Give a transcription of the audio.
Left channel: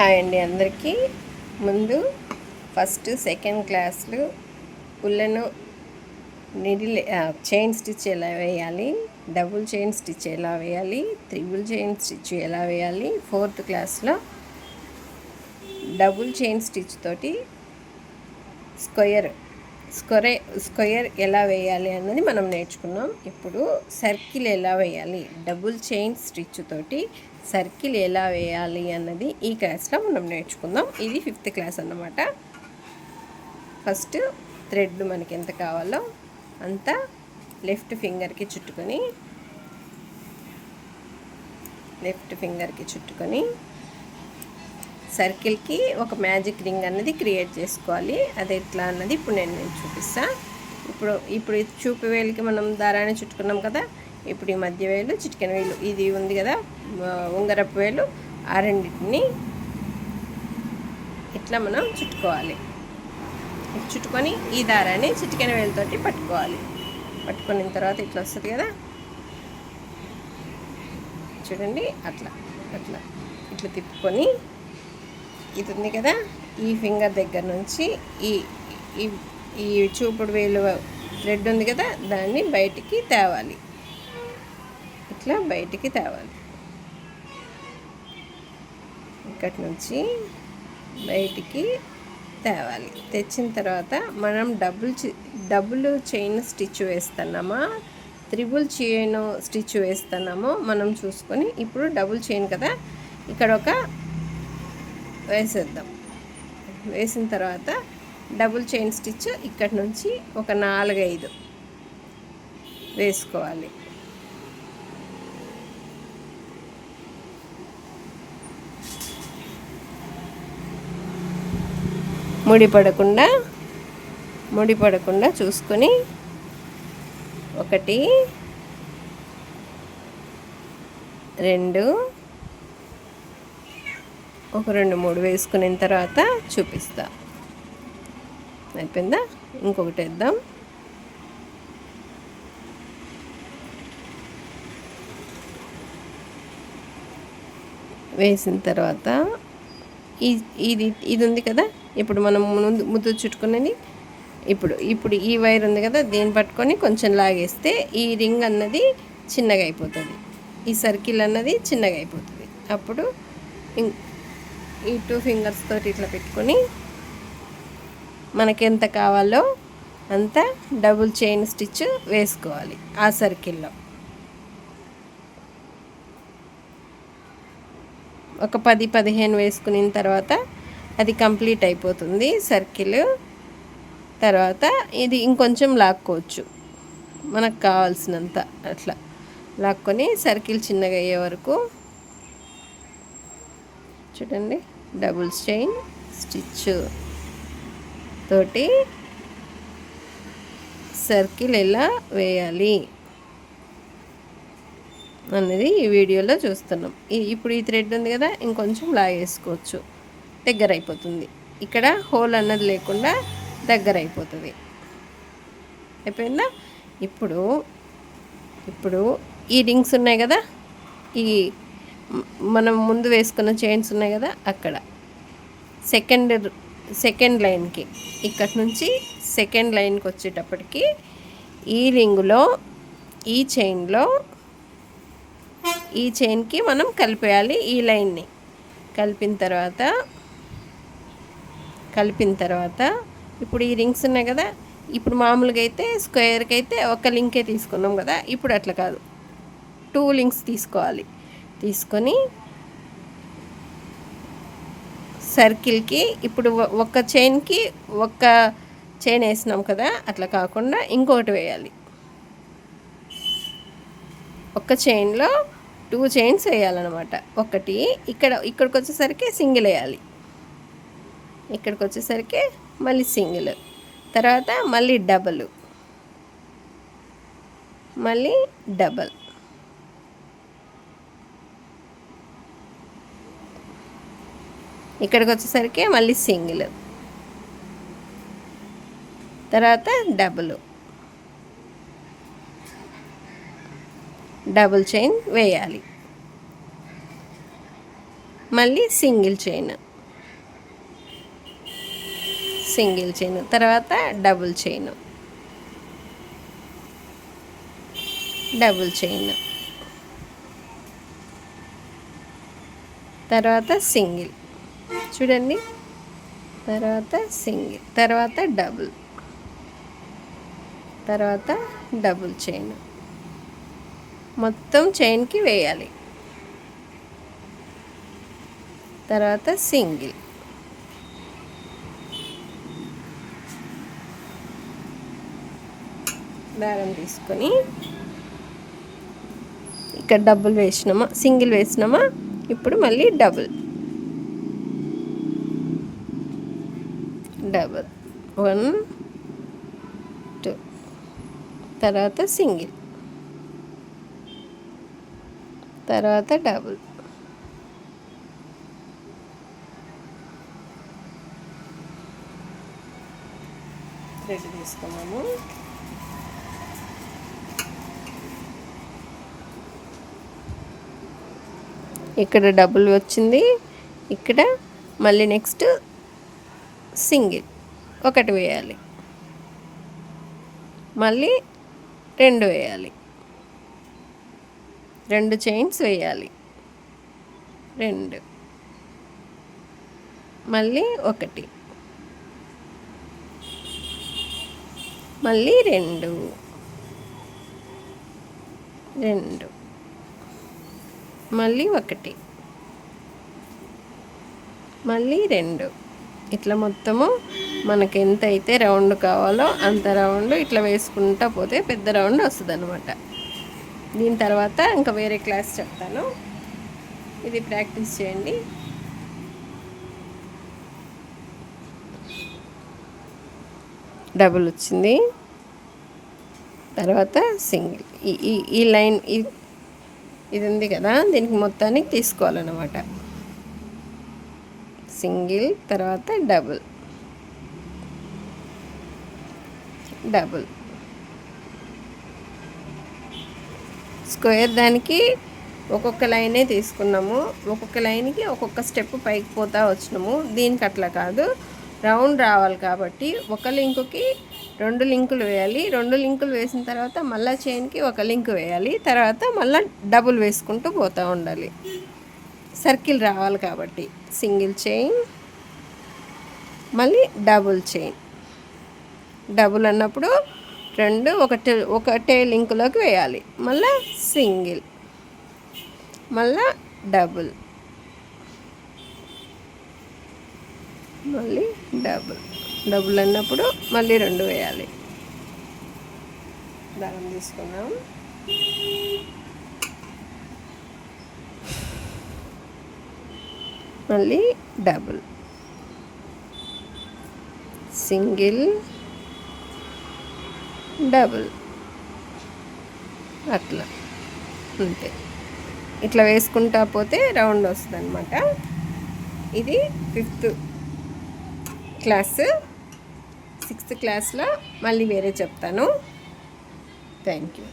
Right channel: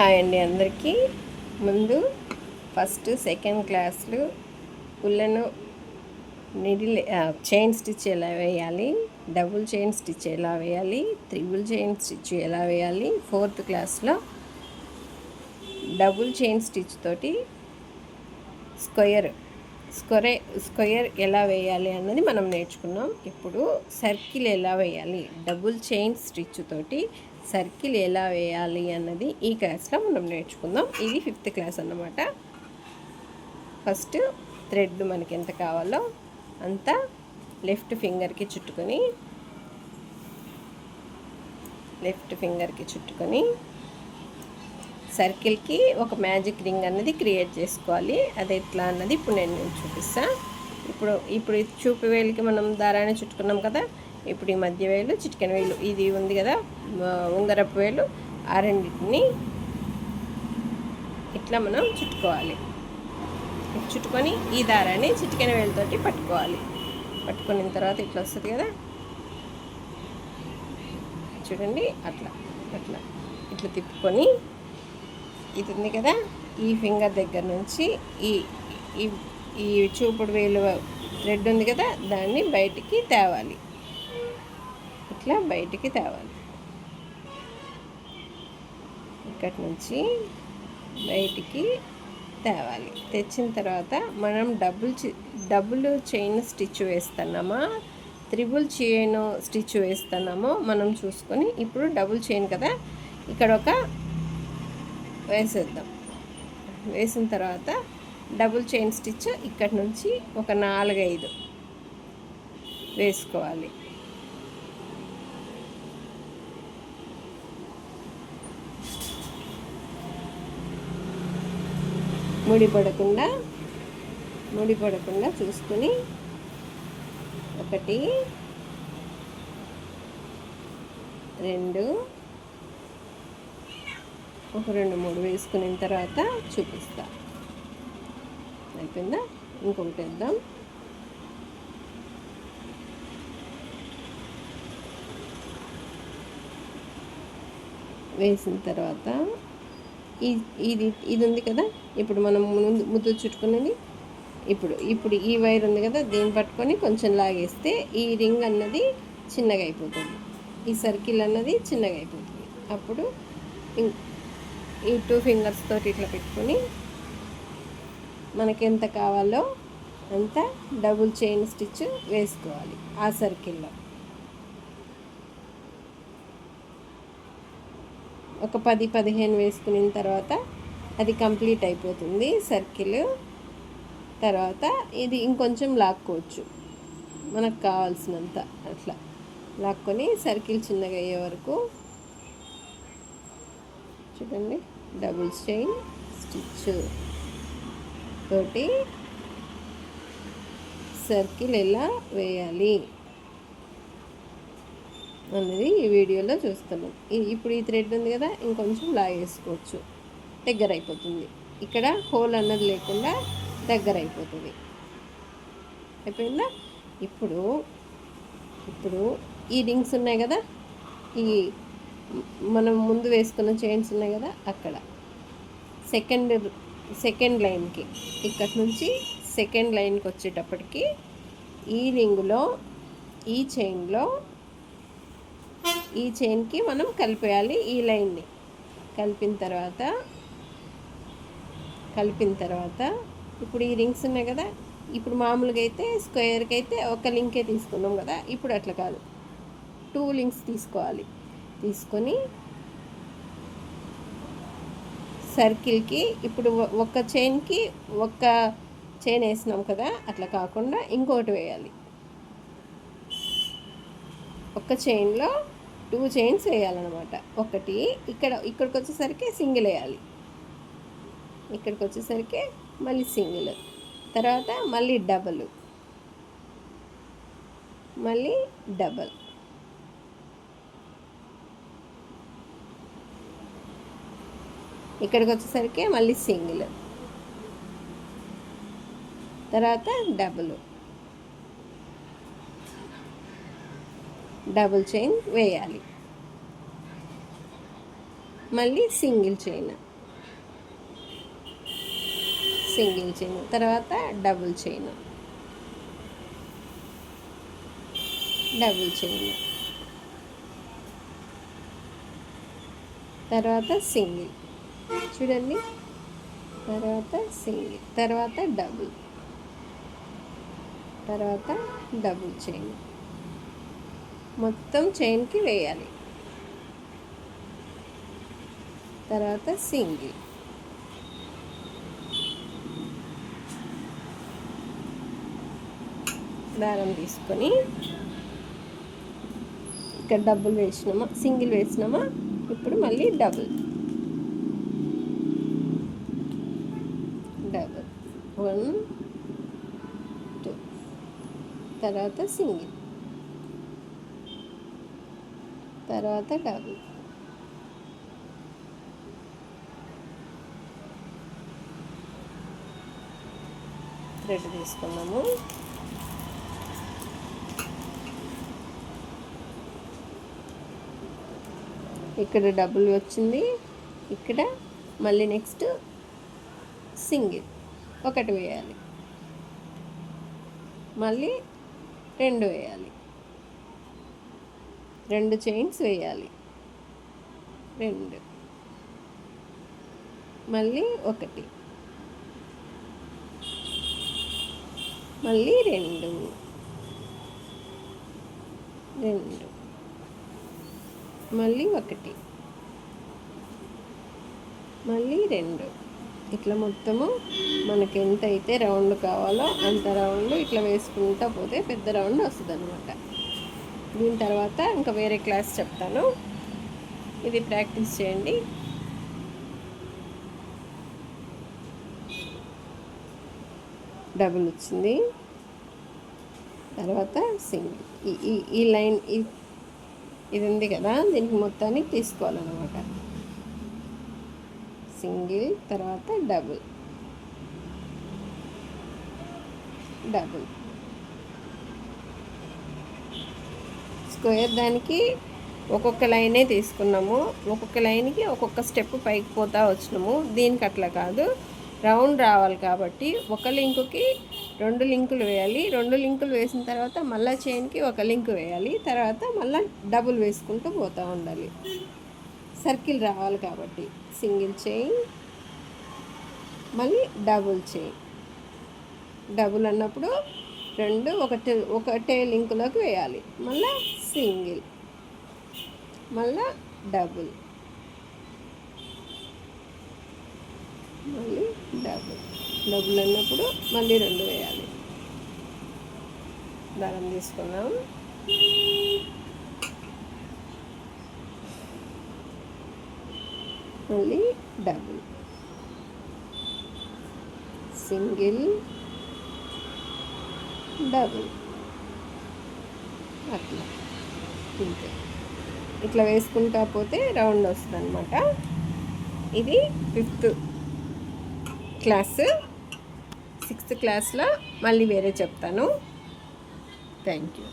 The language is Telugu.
హాయ్ అండి అందరికీ. ముందు ఫస్ట్ సెకండ్ క్లాస్లు ఉల్లెను నీడిల్ చైన్ స్టిచ్ ఎలా వేయాలి, డబుల్ చైన్ స్టిచ్ ఎలా వేయాలి, త్రిబుల్ చైన్ స్టిచ్ ఎలా వేయాలి, ఫోర్త్ క్లాస్లో డబుల్ చైన్ స్టిచ్ తోటి స్క్వేర్ ఎలా వేయాలి అన్నది మనం నేర్చుకున్నాం. ఇప్పుడు సర్కిల్ ఎలా వేయాలి, డబుల్ చైన్ స్టిచ్ తోటి సర్కిల్ ఎలా వేయాలి అన్నది ఈ క్లాస్లో మనం నేర్చుకుందాం. ఇది 5th క్లాస్ అన్నమాట. ఫస్ట్ థ్రెడ్ మనకి ఎంత కావాలో అంత లెఫ్ట్ ఫింగర్కి చుట్టుకొని సర్కిల్కి ఒక మ్యాజిక్ రింగ్ అన్నది క్రియేట్ చేసుకోవాలి. అది ఎట్లా అన్నది ఇప్పుడు నేను చూపిస్తాను. ఇప్పుడు చూపు వేలికి మనం దారాన్ని చుట్టుకున్నాం కదా. ఇప్పుడు ఈ మధ్య వేలు, చిటికెన వేలు, ఇది ఉంది కదా ఉంగరపు వేలు, ఆ రెండింటిని ఇట్లా మనం చుట్టుకోవాలి. చుట్టుకొని ఈ దారాన్ని చిటికెన వేలుతోటి పట్టుకోవాలి. పట్టుకున్న తర్వాత ఇట్లా వస్తుంది కదా, చూడండి. అట్లా ఇట్లా తిప్పుకొని ఇది ఉంది కదా, ఈ ఫింగర్ దగ్గర నుంచి ఈ చూపుడు వేలు థ్రెడ్ ఉంది కదా, దాన్ని బయటికి తేవాలి. ఇట్లా బయటికి తేవాలి. ఇక్కడి నుంచి బయటికి తేవాలి. తెచ్చిన తర్వాత మనం డబుల్ చైన్ స్టిచ్ వేస్తున్నామా, త్రిబుల్ చైన్ స్టిచ్ వేస్తున్నామో మనం చూసుకొని, ఇప్పుడు డబుల్ చైన్ కదా, ఇక్కడ ఒక వేసేద్దాం. వేసిన తర్వాత డబుల్ చైన్ స్టిచ్ ఇక్కడి నుంచి ఒక 4-5 వేసుకోవాలి. ముడిపడకుండా చూసుకొని 1 2 2 3 వేసుకున్న తర్వాత చూపిస్తా. అయిపోయిందా? ఇంకొకటి వేద్దాం. వేసిన తర్వాత ఇది ఉంది కదా, ఇప్పుడు మనం ముందు చుట్టుకునేది. ఇప్పుడు ఈ వైర్ ఉంది కదా, దీన్ని పట్టుకొని కొంచెం లాగేస్తే ఈ రింగ్ అన్నది చిన్నగా అయిపోతుంది, ఈ సర్కిల్ అన్నది చిన్నగా అయిపోతుంది. అప్పుడు ఈ 2 ఫింగర్స్ తోటి ఇట్లా పెట్టుకొని మనకి ఎంత కావాలో అంత డబుల్ చైన్ స్టిచ్ వేసుకోవాలి. ఆ సర్కిల్లో ఒక 10-15 వేసుకున్న తర్వాత అది కంప్లీట్ అయిపోతుంది సర్కిల్. తర్వాత ఇది ఇంకొంచెం లాక్కోవచ్చు మనకు కావాల్సినంత. అట్లా లాక్కొని సర్కిల్ చిన్నగా అయ్యే వరకు చూడండి. డబుల్ చైన్ స్టిచ్ తోటి సర్కిల్ ఎలా వేయాలి అన్నది ఈ వీడియోలో చూస్తున్నాం. ఇప్పుడు ఈ థ్రెడ్ ఉంది కదా, ఇంకొంచెం లాగేసుకోవచ్చు, దగ్గర అయిపోతుంది. ఇక్కడ హోల్ అన్నది లేకుండా దగ్గర అయిపోతుంది. అయిపోయిందా? ఇప్పుడు ఈ రింగ్స్ ఉన్నాయి కదా, ఈ మనం ముందు వేసుకున్న చైన్స్ ఉన్నాయి కదా, అక్కడ సెకండ్ లైన్కి ఇక్కడి నుంచి సెకండ్ లైన్కి వచ్చేటప్పటికి ఈ రింగులో ఈ చైన్కి మనం కలిపేయాలి. ఈ లైన్ని కలిపిన తర్వాత ఇప్పుడు ఈ రింగ్స్ ఉన్నాయి కదా, ఇప్పుడు మామూలుగా అయితే స్క్వేర్కి అయితే ఒక లింకే తీసుకున్నాం కదా, ఇప్పుడు అట్లా కాదు, 2 లింక్స్ తీసుకోవాలి. తీసుకొని సర్కిల్కి ఇప్పుడు ఒక చైన్ వేసినాం కదా, అట్లా కాకుండా ఇంకొకటి వేయాలి. ఒక చైన్లో 2 చైన్స్ వేయాలన్నమాట. ఒకటి ఇక్కడికి వచ్చేసరికి సింగిల్ వేయాలి, ఇక్కడికి వచ్చేసరికి మళ్ళీ సింగిల్, తర్వాత మళ్ళీ డబల్, ఇక్కడికి వచ్చేసరికి మళ్ళీ సింగిల్, తర్వాత డబుల్ చైన్ వేయాలి, మళ్ళీ సింగిల్ చైన్, సింగిల్ చైన్, తర్వాత డబుల్ చైన్, డబుల్ చైన్, తర్వాత సింగిల్, చూడండి, తర్వాత సింగిల్, తర్వాత డబుల్, తర్వాత డబుల్ చైన్, మొత్తం చైన్కి వేయాలి. తర్వాత సింగిల్, దారం తీసుకొని ఇక్కడ డబుల్ వేసినామా, సింగిల్ వేసినామా, ఇప్పుడు మళ్ళీ డబుల్, డబుల్ 1 2, తర్వాత సింగిల్, తర్వాత డబుల్, థ్రెడ్ తీసుకున్నాము. ఇక్కడ డబుల్ వచ్చింది, ఇక్కడ మళ్ళీ నెక్స్ట్ సింగిల్ ఒకటి వేయాలి, మళ్ళీ 2 వేయాలి, 2 చైన్స్ వేయాలి, 2, మళ్ళీ 1, మళ్ళీ 2, 2, మళ్ళీ 1, మళ్ళీ 2. ఇట్లా మొత్తము మనకి ఎంత అయితే రౌండ్ కావాలో అంత రౌండ్ ఇట్లా వేసుకుంటా పోతే పెద్ద రౌండ్ వస్తుంది అనమాట. దీని తర్వాత ఇంకా వేరే క్లాస్ చెప్తాను, ఇది ప్రాక్టీస్ చేయండి. డబుల్ వచ్చింది, తర్వాత సింగిల్, ఈ లైన్ ఇది ఉంది కదా, దీనికి మొత్తానికి తీసుకోవాలన్నమాట. సింగిల్, తర్వాత డబుల్, డబుల్, స్క్వేర్ దానికి ఒక్కొక్క లైనే తీసుకున్నాము, ఒక్కొక్క లైన్కి ఒక్కొక్క స్టెప్ పైకి పోతా వచ్చినాము. దీనికి అట్లా కాదు, రౌండ్ రావాలి కాబట్టి ఒక లింకుకి 2 లింకులు వేయాలి, 2 లింకులు వేసిన తర్వాత మళ్ళీ చైన్కి ఒక లింక్ వేయాలి, తర్వాత మళ్ళీ డబుల్ వేసుకుంటూ పోతూ ఉండాలి. సర్కిల్ రావాలి కాబట్టి సింగిల్ చైన్, మళ్ళీ డబుల్ చైన్, డబుల్ అన్నప్పుడు 2 ఒకటే లింకులోకి వేయాలి, మళ్ళీ సింగిల్, మళ్ళీ డబుల్, మళ్ళీ డబుల్, డబుల్ అన్నప్పుడు మళ్ళీ 2 వేయాలి. దారం తీసుకున్నాం, మళ్ళీ డబుల్, సింగిల్, డబుల్, అట్లా అంతే. ఇట్లా వేసుకుంటా పోతే రౌండ్ వస్తుంది అనమాట. ఇది 5th క్లాస్. 6th క్లాస్లో మళ్ళీ వేరే చెప్తాను. Thank you.